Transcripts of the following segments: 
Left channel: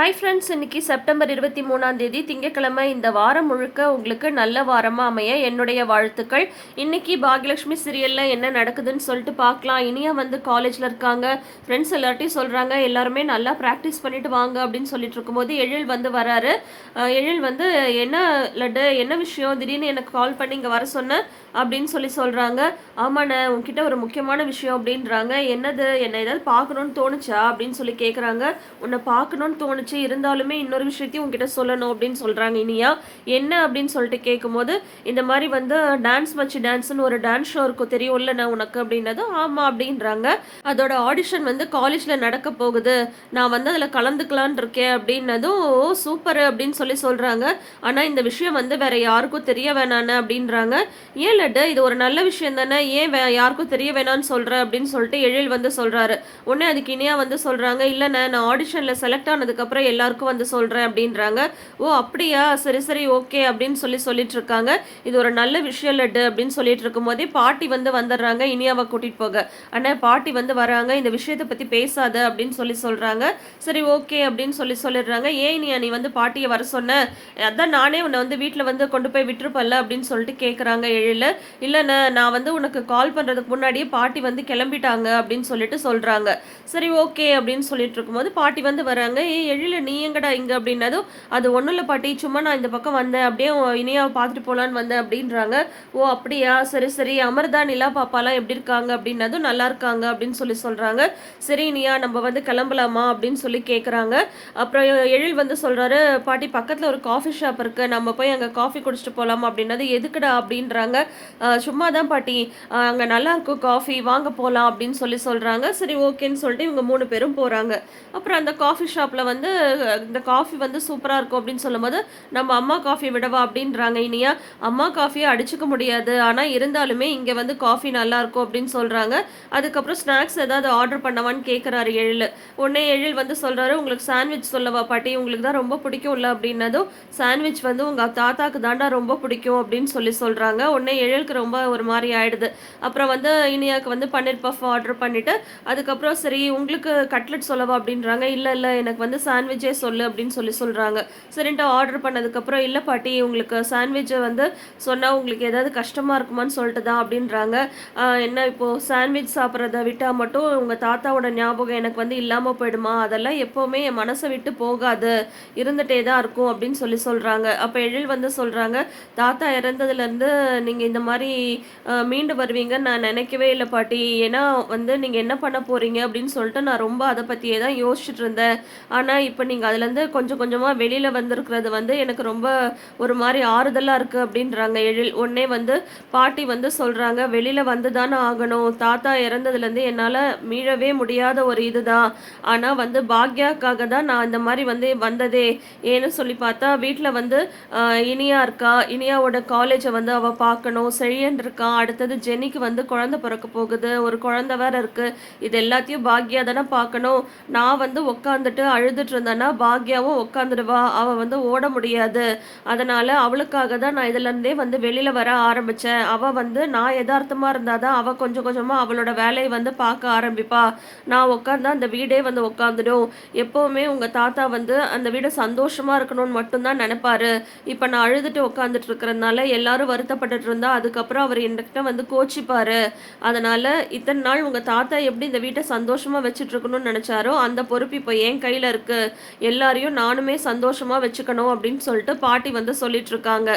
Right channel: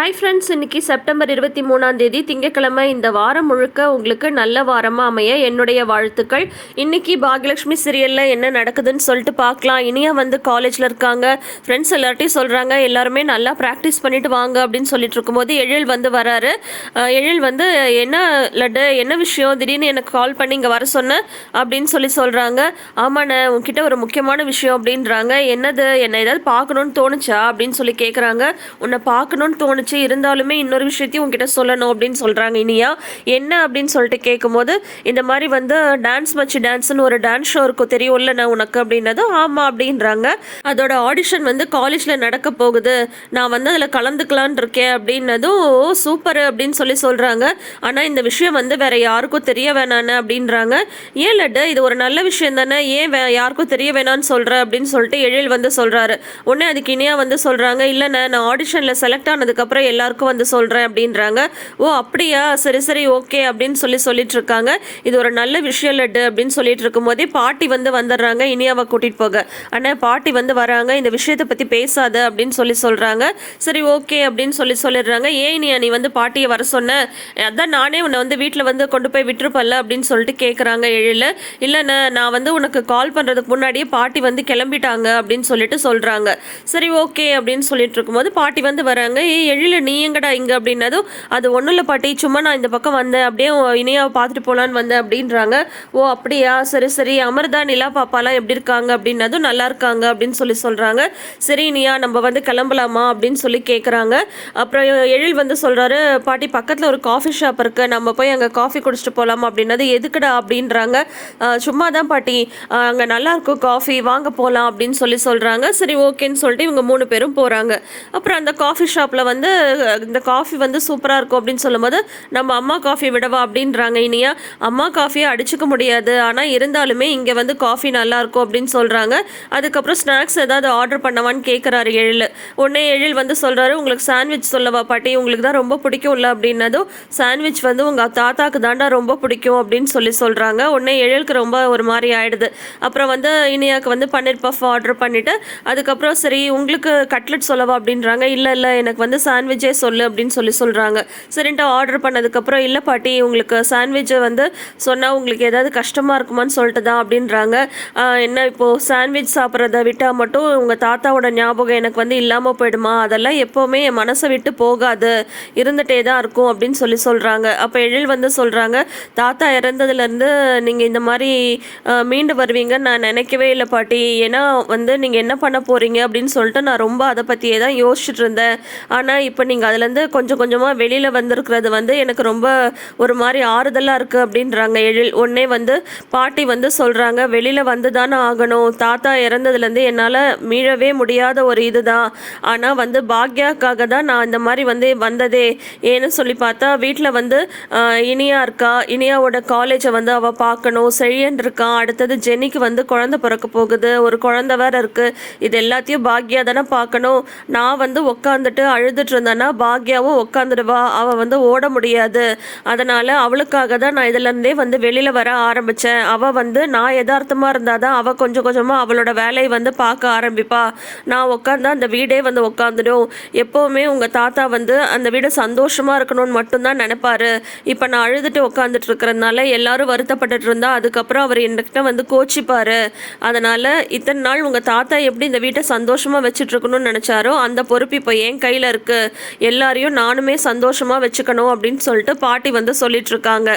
Hi friends, இன்னைக்கு September 23 திங்கட்கிழமை. இந்த வாரம் முழுக்க உங்களுக்கு நல்ல வாரமாக அமைய என்னுடைய வாழ்த்துக்கள். இன்னைக்கு பாக்யலட்சுமி சீரியலில் என்ன நடக்குதுன்னு சொல்லிட்டு பார்க்கலாம். இனியா வந்து காலேஜில் இருக்காங்க. ஃப்ரெண்ட்ஸ் எல்லார்ட்டையும் சொல்கிறாங்க எல்லாருமே நல்லா ப்ராக்டிஸ் பண்ணிட்டு வாங்க அப்படின்னு சொல்லிட்டு இருக்கும்போது எழில் வந்து வராரு. எழில் வந்து என்ன லட்டு, என்ன விஷயம், திடீர்னு எனக்கு கால் பண்ணி இங்கே வர சொன்னேன் அப்படின்னு சொல்கிறாங்க. ஆமாண்ணே, உங்ககிட்ட ஒரு முக்கியமான விஷயம் அப்படின்றாங்க. என்னது, என்னை ஏதாவது பார்க்கணுன்னு தோணுச்சா அப்படின்னு சொல்லி கேட்குறாங்க. உன்னை பார்க்கணுன்னு தோணுச்சு, இருந்தாலுமே இன்னொரு விஷயத்தையும் உங்ககிட்ட சொல்லணும் அப்படின்னு சொல்கிறாங்க இனியா. என்ன அப்படின்னு சொல்லிட்டு கேட்கும்போது, இந்த மாதிரி வந்து டான்ஸ் மச்சி டான்ஸ்னு ஒரு டான்ஸ் ஷோ இருக்கும் தெரியும்ல நான் உனக்கு அப்படின்னதும் ஆமாம் அப்படின்றாங்க. அதோட ஆடிஷன் வந்து காலேஜில் நடக்க போகுது, நான் வந்து அதில் கலந்துக்கலான் இருக்கேன் அப்படின்னதும் சூப்பர் அப்படின்னு சொல்கிறாங்க. ஆனால் இந்த விஷயம் வந்து வேற யாருக்கும் தெரிய வேணான்னு அப்படின்றாங்க. ஏன் லட்டு, இது ஒரு நல்ல விஷயம் தானே, ஏன் யாருக்கும் தெரிய வேணான்னு சொல்கிற அப்படின்னு சொல்லிட்டு எழில் வந்து சொல்கிறாரு. உடனே அதுக்கு இனியா வந்து சொல்கிறாங்க, இல்லைண்ணே நான் ஆடிஷனில் செலக்ட் ஆனதுக்கப்புறம் எல்லாருக்கும் வந்து சொல்கிறேன் அப்படின்றாங்க. ஓ அப்படியா, சரி சரி ஓகே அப்படின்னு சொல்லிட்டு இருக்காங்க. இது ஒரு நல்ல விஷயம் லட்டு அப்படின்னு சொல்லிட்டு இருக்கும்போதே பாட்டி வந்து வந்துடுறாங்க இனியாவை கூட்டிகிட்டு போக. ஆனால் பாட்டி வந்து வராங்க, இந்த விஷயத்தை பற்றி பேசாத அப்படின்னு சொல்கிறாங்க. சரி ஓகே அப்படின்னு சொல்லிடுறாங்க. ஏன் இனியா நீ வந்து பாட்டியை வர சொன்ன, அதான் நானே உன்னை வந்து வீட்டில் வந்து கொண்டு போய் விட்டுருப்பல்ல அப்படின்னு சொல்லிட்டு கேட்குறாங்க எழில். இல்லைண்ணே, நான் வந்து உனக்கு கால் பண்ணுறதுக்கு முன்னாடியே பாட்டி வந்து கிளம்பிட்டாங்க அப்படின்னு சொல்கிறாங்க. சரி ஓகே அப்படின்னு சொல்லிட்டு இருக்கும்போது பாட்டி வந்து வராங்க. எழில நீ எங்கடா இங்கே அப்படின்னதும், அது ஒன்றும் இல்லை பாட்டி, சும்மா நான் இந்த பக்கம் வந்தேன், அப்படியே இனியாவை பார்த்துட்டு போகலான்னு வந்தேன் அப்படின்றாங்க. ஓ அப்படியா, சரி சரி, அமிர்தா நிலா பாப்பாலாம் எப்படி இருக்காங்க அப்படின்னதும் நல்லா இருக்காங்க அப்படின்னு சொல்கிறாங்க. சரி இனியா நம்ம வந்து கிளம்பலாமா அப்படின்னு சொல்லி கேட்குறாங்க. அப்புறம் எழில் வந்து சொல்கிறாரு, பாட்டி பக்கத்தில் ஒரு காஃபி ஷாப் இருக்கு, நம்ம போய் அங்கே காஃபி குடிச்சிட்டு போகலாமா அப்படின்னது. எதுக்குடா அப்படின்றாங்க. சும்மா தான் பாட்டி, அங்கே நல்லா இருக்கும் காஃபி, வாங்க போகலாம் அப்படின்னு சொல்கிறாங்க. சரி ஓகேன்னு சொல்லிட்டு இவங்க 3 பேரும் போகிறாங்க. அப்புறம் அந்த காஃபி ஷாப்பில் வந்து இந்த காஃபி வந்து சூப்பராக இருக்கும் அப்படின்னு சொல்லும்போது, நம்ம அம்மா காஃபி விடவா அப்படின்றாங்க இனியா. அம்மா காஃபியை அடிச்சுக்க முடியாது, ஆனால் இருந்தாலுமே இங்கே வந்து காஃபி நல்லாயிருக்கும் அப்படின்னு சொல்கிறாங்க. அதுக்கப்புறம் ஸ்நாக்ஸ் ஏதாவது ஆர்டர் பண்ணவான்னு கேட்குறாரு எழில். உடனே எழில் வந்து சொல்கிறாரு, உங்களுக்கு சாண்ட்விச் சொல்லவா பாட்டி, உங்களுக்கு தான் ரொம்ப பிடிக்கும்ல அப்படின்னதும், சாண்ட்விச் வந்து உங்கள் தாத்தாக்கு தாண்டா ரொம்ப பிடிக்கும் அப்படின்னு சொல்கிறாங்க. உடனே எழிலுக்கு ரொம்ப ஒரு மாதிரி ஆயிடுது. அப்புறம் வந்து இனியாவுக்கு வந்து பன்னீர் பஃப் ஆர்டர் பண்ணிவிட்டு, அதுக்கப்புறம் சரி உங்களுக்கு கட்லெட் சொல்லவா அப்படின்றாங்க. இல்லை இல்லை, எனக்கு வந்து சாண்ட்விச்சே சொல்லு அப்படின்னு சொல்கிறாங்க. சரின்ட்டு ஆர்டர் பண்ணதுக்கப்புறம், இல்லை பாட்டி உங்களுக்கு சாண்ட்விட்சை வந்து சொன்னால் உங்களுக்கு ஏதாவது கஷ்டமாக இருக்குமான்னு சொல்லிட்டு தான் அப்படின்றாங்க. என்ன இப்போது சாண்ட்விச் சாப்பிட்றத விட்டால் மட்டும் உங்கள் தாத்தாவோட ஞாபகம் எனக்கு வந்து இல்லாமல் போயிடுமா, அதெல்லாம் எப்போவுமே என் மனசை விட்டு போகாது, இருந்துகிட்டே தான் இருக்கும் அப்படின்னு சொல்கிறாங்க. அப்போ எழில் வந்து சொல்கிறாங்க, தாத்தா இறந்ததுலேருந்து நீங்கள் இந்த மாதிரி மீண்டு வருவீங்கன்னு நான் நினைக்கவே இல்லை பாட்டி. ஏன்னா வந்து நீங்கள் என்ன பண்ண போகிறீங்க அப்படின்னு சொல்லிட்டு நான் ரொம்ப அதை பற்றியே தான் யோசிச்சுட்டு இருந்தேன். ஆனால் இப்போ நீங்கள் அதுலேருந்து கொஞ்சம் கொஞ்சமாக வெளியில் வந்திருக்கிறது வந்து எனக்கு ரொம்ப ஒரு மாதிரி ஆறுதலாக இருக்குது அப்படின்றாங்க எழில். உடனே வந்து பாட்டி வந்து சொல்கிறாங்க, வெளியில் வந்து தானே ஆகணும், தாத்தா இறந்ததுலேருந்து என்னால் மீளவே முடியாத ஒரு இதுதான். ஆனால் வந்து பாக்யாக்காக தான் நான் இந்த மாதிரி வந்து வந்ததே. ஏன்னு சொல்லி பார்த்தா வீட்டில் வந்து இனியா இருக்கா, இனியாவோட காலேஜை வந்து அவள் பார்க்கணும், செழியன் இருக்கான், அடுத்தது ஜெனிக்கு வந்து குழந்தை பிறக்க போகுது, ஒரு குழந்தை வேற இருக்குது, இது எல்லாத்தையும் பாக்யா தானே பார்க்கணும். நான் வந்து உட்காந்துட்டு அழுதுட்டு இருந்தேன்னா பாக்யாவும் உட்காந்துடுவா, அவள் வந்து ஓட முடியாது. அதனால் அவளுக்காக தான் நான் இதுலேருந்தே வந்து வெளியில் வர ஆரம்பித்தேன். அவள் வந்து நான் யதார்த்தமாக இருந்தால் தான் அவள் கொஞ்சம் கொஞ்சமாக அவளோட வேலையை வந்து பார்க்க ஆரம்பிப்பா. நான் உட்காந்தா அந்த வீடே வந்து உட்காந்துடும். எப்போவுமே உங்கள் தாத்தா வந்து அந்த வீடு சந்தோஷமாக இருக்கணும்னு மட்டும்தான் நினைப்பாரு. இப்போ நான் அழுதுட்டு உட்காந்துட்டு இருக்கிறதுனால எல்லாரும் வருத்தப்பட்டுட்டு இருந்தா அதுக்கப்புறம் அவர் என்கிட்ட வந்து கோச்சிப்பாரு. அதனால் இத்தனை நாள் உங்கள் தாத்தா எப்படி இந்த வீட்டை சந்தோஷமாக வச்சுட்டு இருக்கணும்னு நினச்சாரோ அந்த பொறுப்பு இப்போ என் கையில் இருக்குது, எல்லாரையும் நானுமே சந்தோஷமாக வச்சுக்கணும் அப்படின்னு சொல்லிட்டு பாட்டி வந்து சொல்லிட்டு இருக்காங்க.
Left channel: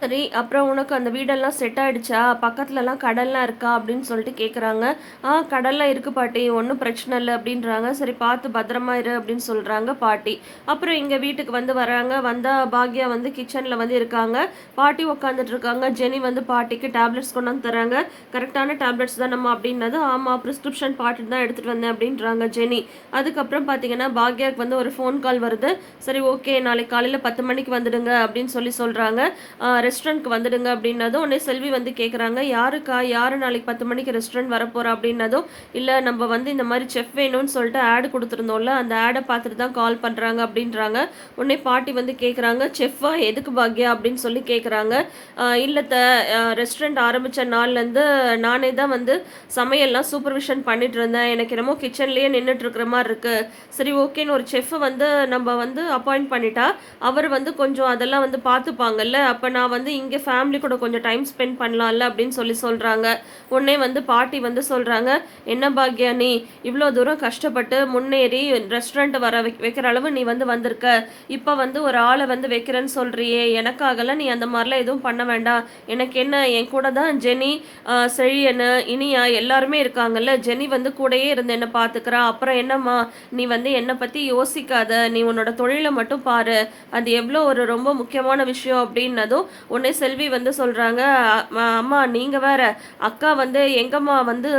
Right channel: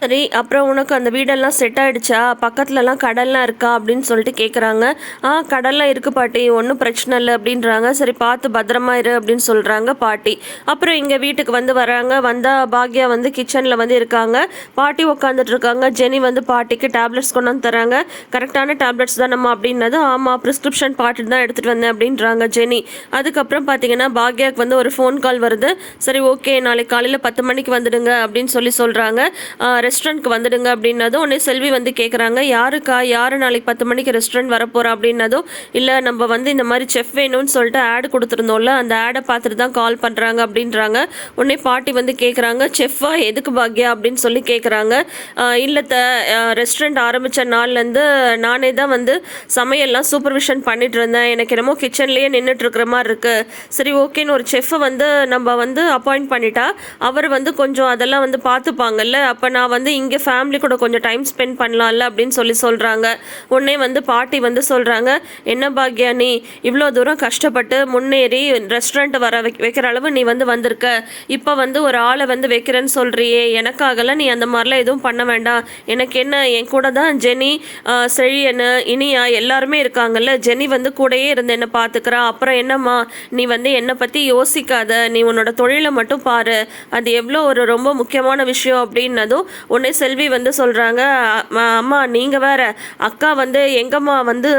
சரி, அப்புறம் உனக்கு அந்த வீடெல்லாம் செட் ஆகிடுச்சா, பக்கத்துலலாம் கடல்லாம் இருக்கா அப்படின்னு சொல்லிட்டு கேட்குறாங்க. கடல்லாம் இருக்குது பாட்டி, ஒன்றும் பிரச்சனை இல்லை அப்படின்றாங்க. சரி பார்த்து பத்திரமா இரு அப்படின்னு சொல்கிறாங்க பாட்டி. அப்புறம் இங்கே வீட்டுக்கு வந்து வராங்க. வந்தால் பாக்யா வந்து கிச்சனில் வந்து இருக்காங்க, பாட்டி உட்காந்துட்டு இருக்காங்க. ஜெனி வந்து பாட்டிக்கு டேப்லெட்ஸ் கொண்டு வந்து தராங்க. கரெக்டான டேப்லெட்ஸ் தானம்மா அப்படின்னது. ஆமாம், ப்ரிஸ்கிரிப்ஷன் பாட்டு தான் எடுத்துகிட்டு வந்தேன் அப்படின்றாங்க ஜெனி. அதுக்கப்புறம் பார்த்தீங்கன்னா பாக்யாவுக்கு வந்து ஒரு ஃபோன் கால் வருது. சரி ஓகே, நாளைக்கு காலையில் 10 மணிக்கு வந்துடுங்க அப்படின்னு சொல்கிறாங்க. ரெஸ்டாரண்ட்க்கு வந்துடுங்க அப்படின்னதும் உடனே செல்வி வந்து கேட்குறாங்க, யாருக்கா, யார் நாளைக்கு 10 மணிக்கு ரெஸ்டாரண்ட் வரப்போகிறா அப்படின்னதும், இல்லை நம்ம வந்து இந்த மாதிரி செஃப் வேணும்னு சொல்லிட்டு ஆடு கொடுத்துருந்தோம்ல, அந்த ஆடை பார்த்துட்டு தான் கால் பண்ணுறாங்க அப்படின்றாங்க. உடனே பாட்டி வந்து கேட்குறாங்க, செஃப்பா எதுக்கு பாக்யா அப்படின்னு சொல்லி கேட்குறாங்க. இல்லை ரெஸ்டாரண்ட் ஆரம்பித்த நாள்லேருந்து நானே தான் வந்து சமையல்லாம் சூப்பர்விஷன் பண்ணிட்டு இருந்தேன். எனக்கு என்னமோ கிச்சன்லேயே நின்றுட்டு இருக்கிற மாதிரி இருக்குது. சரி ஓகேன்னு ஒரு செஃப்பை வந்து நம்ம வந்து அப்பாயிண்ட் பண்ணிட்டா அவர் வந்து கொஞ்சம் அதெல்லாம் வந்து பார்த்துப்பாங்கல்ல, அப்போ நான் வந்து இங்கே ஃபேமிலி கூட கொஞ்சம் டைம் ஸ்பெண்ட் பண்ணலாம்ல அப்படின்னு சொல்லி சொல்கிறாங்க. உடனே வந்து பாட்டி வந்து சொல்கிறாங்க, என்ன பாக்யா நீ இவ்வளோ தூரம் கஷ்டப்பட்டு முன்னேறி ரெஸ்டாரண்ட் வர வைக்கிற அளவு நீ வந்து வந்திருக்க, இப்போ வந்து ஒரு ஆளை வந்து வைக்கிறேன்னு சொல்கிறியே, எனக்காகலாம் நீ அந்த மாதிரிலாம் எதுவும் பண்ண வேண்டாம். எனக்கு என்ன, என் கூட தான் ஜெனி, செழியனு, இனியா எல்லாருமே இருக்காங்கல்ல, ஜெனி வந்து கூடயே இருந்து என்னை பார்த்துக்கிறா. அப்புறம் என்னம்மா நீ வந்து என்னை பற்றி யோசிக்காத, நீ உன்னோட தொழிலை மட்டும் பாரு, அது எவ்வளோ ஒரு ரொம்ப முக்கியமான விஷயம் அப்படின்னதும் உடனே செல்வி வந்து சொல்கிறாங்க, அம்மா நீங்கள் வேற, அக்கா வந்து எங்கம்மா வந்து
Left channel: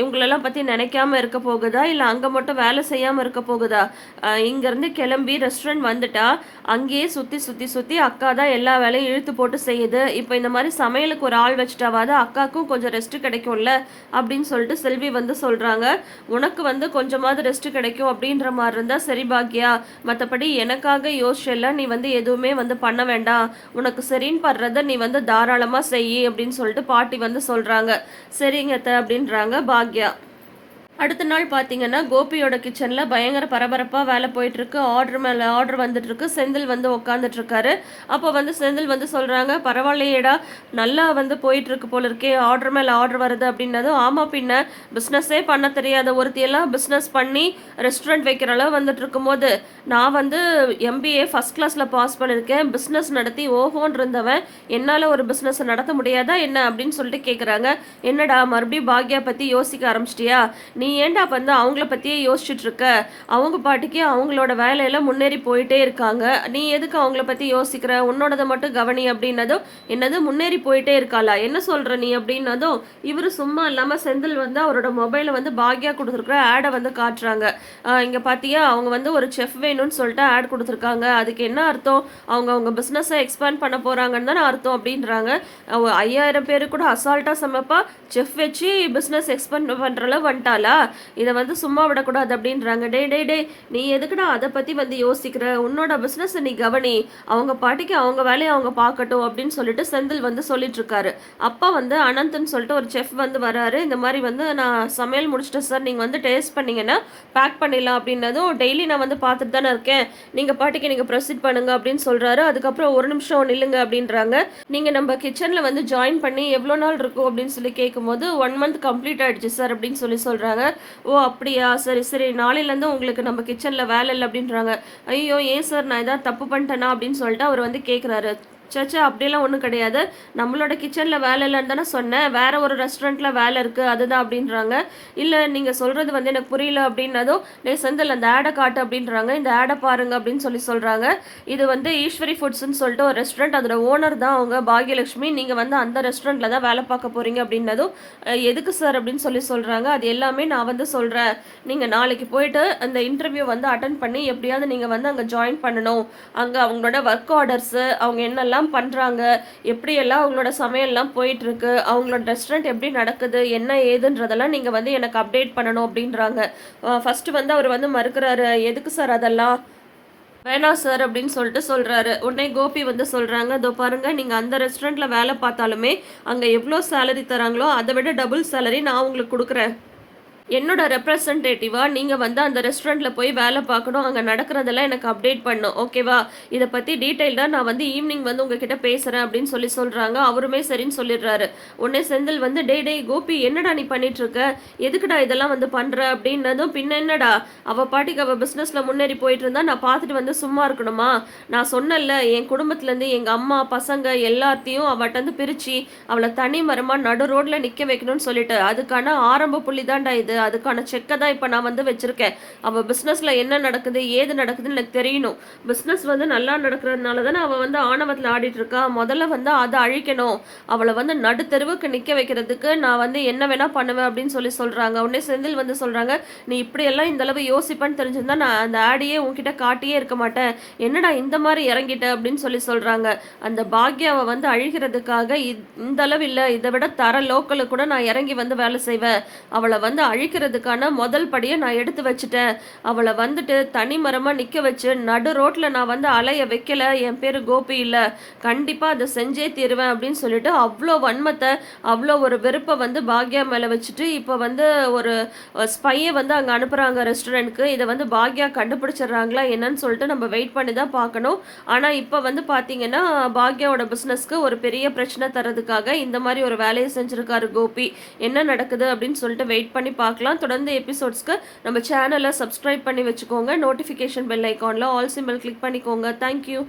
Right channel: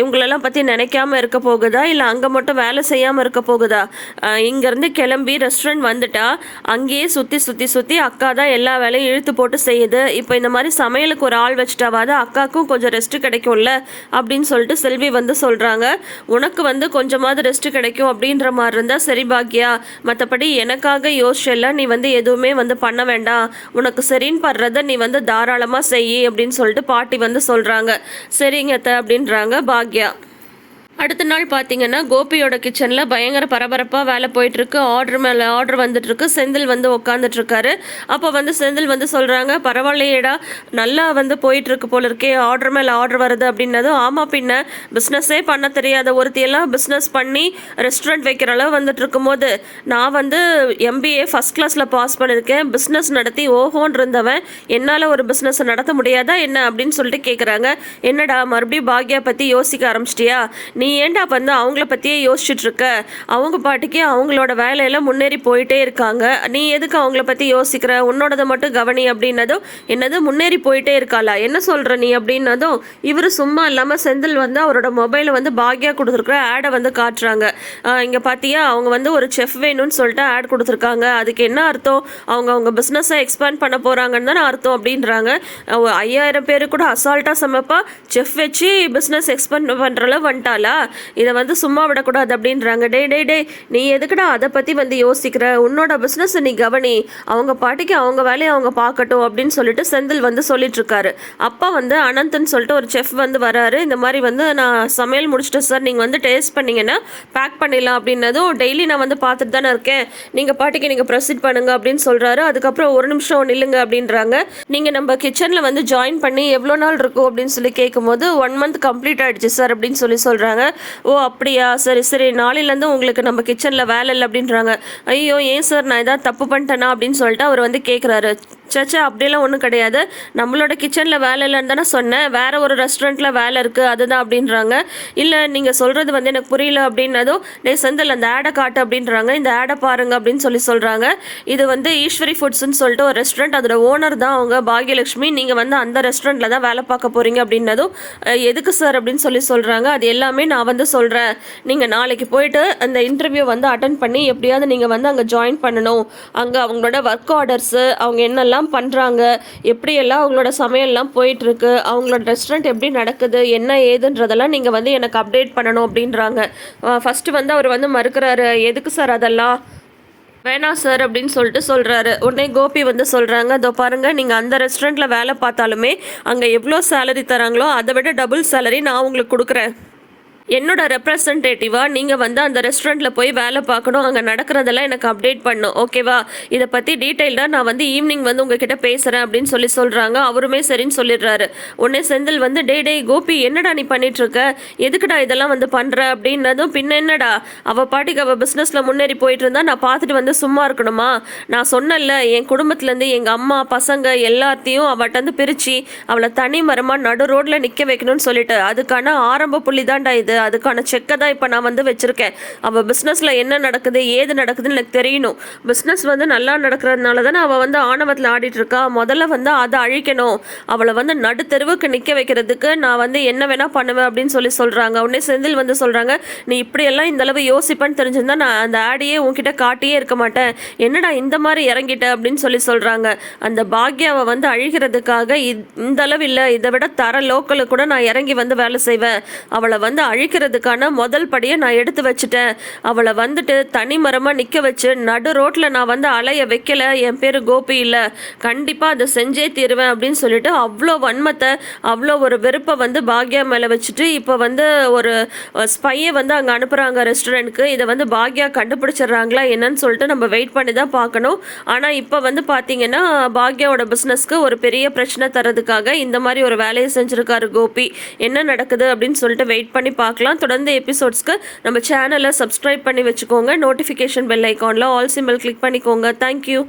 இவங்களெல்லாம் பற்றி நினைக்காம இருக்க போகுதா, இல்லை அங்கே மட்டும் வேலை செய்யாமல் இருக்க போகுதா? இங்கேருந்து கிளம்பி ரெஸ்டாரண்ட் வந்துட்டா அங்கேயே சுற்றி சுற்றி சுற்றி அக்கா தான் எல்லா வேலையும் இழுத்து போட்டு செய்யுது. இப்போ இந்த மாதிரி சமையலுக்கு ஒரு ஆள் வச்சுட்டாவாது அக்காவுக்கும் கொஞ்சம் ரெஸ்ட் கிடைக்கும்ல அப்படின்னு சொல்லிட்டு செல்வி வந்து சொல்கிறாங்க. உனக்கு வந்து கொஞ்சமாவது ரெஸ்ட் கிடைக்கும் அப்படின்ற மாதிரி இருந்தால் சரி பாக்யா, மற்றபடி எனக்காக யோசிச்செல்லாம் நீ வந்து எதுவுமே வந்து பண்ண வேண்டாம், உனக்கு சரின்னு படுறத நீ வந்து தாராளமாக செய் அப்படின்னு சொல்லிட்டு பாட்டி வந்து சொல்கிறாங்க. சரிங்க அப்படின்றாங்க பாக்யா. அடுத்த நாள் பார்த்தீங்கன்னா கோபியோட கிச்சனில் பயங்கர பரபரப்பாக வேலை போயிட்டுருக்கு. ஆர்டர் மேலே ஆர்டர் வந்துட்டுருக்கு. செந்தில் வந்து உட்காந்துட்ருக்காரு. அப்போ வந்து செந்தில் வந்து சொல்கிறாங்க, பரவாயில்லையேடா, நல்லா வந்து போயிட்டுருக்கு போல இருக்கே, ஆர்டர் மேலே ஆர்டர் வருது அப்படின்னதும், ஆமாம் பின்ன பிஸ்னஸே பண்ண தெரியாத ஒருத்தியெல்லாம் பிஸ்னஸ் பண்ணி ரெஸ்டாரண்ட் வைக்கிற அளவு வந்துட்டு இருக்கும்போது, நான் வந்து MBA ஃபஸ்ட் கிளாஸில் பாஸ் பண்ணியிருக்கேன், பிஸ்னஸ் நடத்தி ஓஹோன்னு இருந்தவன், என்னால் ஒரு பிஸ்னஸை நடத்த முடியாதா என்ன அப்படின்னு சொல்லிட்டு கேட்குறாங்க. என்னடா மறுபடியும் பாக்யா பற்றி யோசிக்க ஆரம்பிச்சிட்டியா, நீ ஏன்டா வந்து அவங்கள பற்றியே யோசிச்சுட்டு இருக்க, அவங்க பாட்டுக்கே அவங்களோட வேலையெல்லாம் முன்னேறி போயிட்டே இருக்காங்க, நீ எதுக்கு அவங்கள பற்றி யோசிக்கிற, உன்னோடதை மட்டும் கவனி அப்படின்னதும், என்னது முன்னேறி போயிட்டே இருக்காளா, என்ன சொல்கிற நீ அப்படின்னதும், இவர் சும்மா இல்லாமல் செந்தில் வந்து அவரோட மொபைலை வந்து பாக்யா கொடுத்துருக்குற ஆடை வந்து காட்டுறாங்க. இங்கே பார்த்தியா அவங்க வந்து ஒரு செஃப் வேணும்னு சொல்லிட்டு ஆட் கொடுத்துருக்காங்க, அதுக்கு என்ன அர்த்தம், அவங்க பிஸ்னஸை எக்ஸ்பேண்ட் பண்ண போகிறாங்கன்னு தானே அர்த்தம் அப்படின்றாங்க. 5000 பேர் கூட அசால்ட்டாக சமைப்பா, செஃப் வச்சு பிஸ்னஸ் எக்ஸ்பேண்ட் பண்ணுற அளவு வந்துட்டாளா, இதை வந்து சும்மா விடக்கூடாது அப்படின்றாங்க. டே டே டே நீ எதுக்குடா அதை பற்றி வந்து யோசிக்கிற, உன்னோட பிஸ்னஸ் நீ கவனி, அவங்க பாட்டிக்கு அவங்க வேலையை அவங்க பார்க்கட்டும் அப்படின்னு சொல்லிட்டு செந்தில் வந்து சொல்லிட்டு இருக்காரு. அப்போ வந்து அனந்தன் சொல்லிட்டு ஒரு செஃப் வந்து வராரு. இந்த மாதிரி வந்து நான் சமையல் முடிச்சிட்டேன் சார், நீங்கள் வந்து டேஸ்ட் பண்ணிங்கன்னா பேக் பண்ணிடலாம் அப்படின்னதும், டெய்லி நான் வந்து பார்த்துட்டு தானே இருக்கேன், நீங்கள் பாட்டிக்கு நீங்கள் ப்ரொசீட் பண்ணுங்க அப்படின்னு சொல்கிறாரு. அதுக்கப்புறம் ஒரு நிமிஷம் நில்லுங்க அப்படின்றாங்க. நீங்கள் நம்ம கிச்சனில் வந்து ஜாயின் பண்ணி எவ்வளோ நாள் இருக்கும் அப்படின்னு சொல்லி கேட்கும்போது 1 month கம்ப்ளீட் ஆகிடுச்சு சார் அப்படின்னு சொல்லி சொல்கிறாங்க. ஓ அப்படியா, சரி சரி, நாளையிலேருந்து உங்களுக்கு நம்ம கிச்சனில் வேலை இல்லை அப்படின்றாங்க. ஐயோ ஏன் சார், நான் ஏதாவது தப்பு பண்ணிட்டேனா அப்படின்னு சொல்லிட்டு அவர் வந்து கேட்குறாரு. சச்சா அப்படியெல்லாம் ஒன்றும் கிடையாது, நம்மளோட கிச்சனில் வேலை இல்லைன்னு தானே சொன்னேன், வேறு ஒரு ரெஸ்டாரண்ட்டில் வேலை இருக்குது அதுதான் அப்படின்றாங்க. இல்லை நீங்கள் சொல்கிறது வந்து எனக்கு புரியல அப்படின்னதும், செந்தில் அந்த ஆடை காட்டு அப்படின்றாங்க. இந்த ஆடை பாருங்க அப்படின்னு சொல்லி சொல்கிறாங்க. இது வந்து ஈஸ்வரி ஃபுட்ஸ்ன்னு சொல்லிட்டு ஒரு ரெஸ்டாரண்ட், அதோட ஓனர் தான் அவங்க பாக்யலட்சுமி, நீங்கள் வந்து அந்த ரெஸ்டாரண்ட்டில் தான் வேலை பார்க்க போகிறீங்க அப்படின்னதும், எதுக்கு சார் அப்படின்னு சொல்லி சொல்கிறாங்க. அது எல்லாமே நான் வந்து சொல்கிறேன், நீங்கள் நாளைக்கு போயிட்டு அந்த இன்டர்வியூ வந்து அட்டன் பண்ணி எப்படியாவது நீங்கள் வந்து அங்கே ஜாயின் பண்ணணும், அங்கே அவங்களோட ஒர்க் ஆர்டர்ஸு, அவங்க என்னெல்லாம் பண்ணுறாங்க, எப்படியெல்லாம் அவங்களோட சமையல்லாம் போயிட்டுருக்கு, அவங்களோட ரெஸ்டாரண்ட் எப்படி நடக்குது, என்ன ஏதுன்றதெல்லாம் நீங்கள் வந்து எனக்கு அப்டேட் பண்ணணும் அப்படின்றாங்க. ஃபஸ்ட்டு வந்து அவர் வந்து மறுக்கிறாரு, எதுக்கு சார் அதெல்லாம் வேணாம் சார் அப்படின்னு சொல்லிட்டு சொல்கிறாரு. உடனே கோபி வந்து சொல்கிறாங்க, அதோ பாருங்கள், நீங்கள் அந்த ரெஸ்டாரண்ட்டில் வேலை பார்த்தாலுமே அங்கே எவ்வளோ சேலரி தராங்களோ அதை விட டபுள் சேலரி நான் உங்களுக்கு கொடுக்குறேன், என்னோட ரெப்ரசன்டேட்டிவாக நீங்கள் வந்து அந்த ரெஸ்டாரண்ட்டில் போய் வேலை பார்க்கணும், அங்கே நடக்கிறதெல்லாம் எனக்கு அப்டேட் பண்ணும், ஓகேவா, இதை பற்றி டீட்டெயில்டாக நான் வந்து ஈவினிங் வந்து உங்ககிட்ட பேசுகிறேன் அப்படின்னு சொல்லி சொல்கிறாங்க. அவருமே சரின்னு சொல்லிடுறாரு. உடனே செந்தில் வந்து டே கோபி என்னடா நீ பண்ணிகிட்ருக்க, எதுக்குடா இதெல்லாம் வந்து பண்ணுற அப்படின்னதும், பின்ன என்னடா அவள் பாட்டிக்கு அவள் பிஸ்னஸில் முன்னேறி போயிட்டு இருந்தா நான் பார்த்துட்டு வந்து சும்மா இருக்கணுமா, நான் சொன்னல என் குடும்பத்துலேருந்து எங்கள் அம்மா பசங்க எல்லாத்தையும் அவட்ட வந்து பிரித்து அவளை தனி மரமாக நடு ரோட்டில் நிற்க வைக்கணும்னு சொல்லிட்டு, அதுக்கான ஆரம்ப புள்ளி தான்டா இது, கிடையாது. அதுக்கான செக்கை தான் இப்போ நான் வந்து வச்சுருக்கேன். அவள் பிஸ்னஸில் என்ன நடக்குது ஏது நடக்குதுன்னு எனக்கு தெரியணும். பிஸ்னஸ் வந்து நல்லா நடக்கிறதுனால தானே அவள் வந்து ஆணவத்தில் ஆடிட்டுருக்கா. முதல்ல வந்து அதை அழிக்கணும். அவளை வந்து நடுத்தெருவுக்கு நிற்க வைக்கிறதுக்கு நான் வந்து என்ன வேணால் பண்ணுவேன் அப்படின்னு சொல்கிறாங்க. உடனே செந்தில் வந்து சொல்கிறாங்க, நீ இப்படியெல்லாம் இந்தளவு யோசிப்பேன்னு தெரிஞ்சிருந்தா நான் அந்த ஆடியே உன்கிட்ட காட்டியே இருக்க மாட்டேன். என்னடா இந்த மாதிரி இறங்கிட்ட அப்படின்னு சொல்கிறாங்க. அந்த பாக்யாவை வந்து அழிக்கிறதுக்காக இந்த அளவு இல்லை, இதை விட தர லோக்கலு கூட நான் இறங்கி வந்து வேலை செய்வேன். அவளை வந்து அழிக்கிறதுக்கான முதல் படியை நான் எடுத்து வச்சுட்டேன். அவளை வந்துட்டு தனி மரமாக நிற்க வச்சு நடு ரோட்டில் நான் வந்து அலைய வைக்கல. என் பேர் கோபி இல்லை, கண்டிப்பாக அதை செஞ்சே தீருவேன் அப்படின்னு சொல்லிட்டு அவ்வளோ வன்மத்தை அவ்வளோ ஒரு வெறுப்பை வந்து பாக்யா மேலே வச்சுட்டு இப்போ வந்து ஒரு ஸ்பையை வந்து அங்கே அனுப்புகிறாங்க ரெஸ்டாரண்ட்டுக்கு. இதை வந்து பாக்யா கண்டுபிடிச்சிடுறாங்களா என்னன்னு சொல்லிட்டு நம்ம வெயிட் பண்ணி தான் பார்க்கணும். ஆனால் இப்போ வந்து பார்த்தீங்கன்னா பாக்யாவோட பிஸ்னஸ்க்கு ஒரு பெரிய பிரச்சனை தரதுக்காக இந்த மாதிரி ஒரு வேலையை செஞ்சுருக்காரு கோபி. என்ன நடக்குது அப்படின்னு சொல்லிட்டு வெயிட் பண்ணி பார்க்கலாம். தொடர்ந்து எபிசோட்ஸ்க்கு நம்ம சேனலை சப்ஸ்கிரைப் பண்ணி வச்சுக்கோங்க. நோட்டிஃபிகேஷன் பெல் ஐக்கானில் ஆல் சிம்பிள் கிளிக் பண்ணிக்கோங்க. தேங்க்யூ.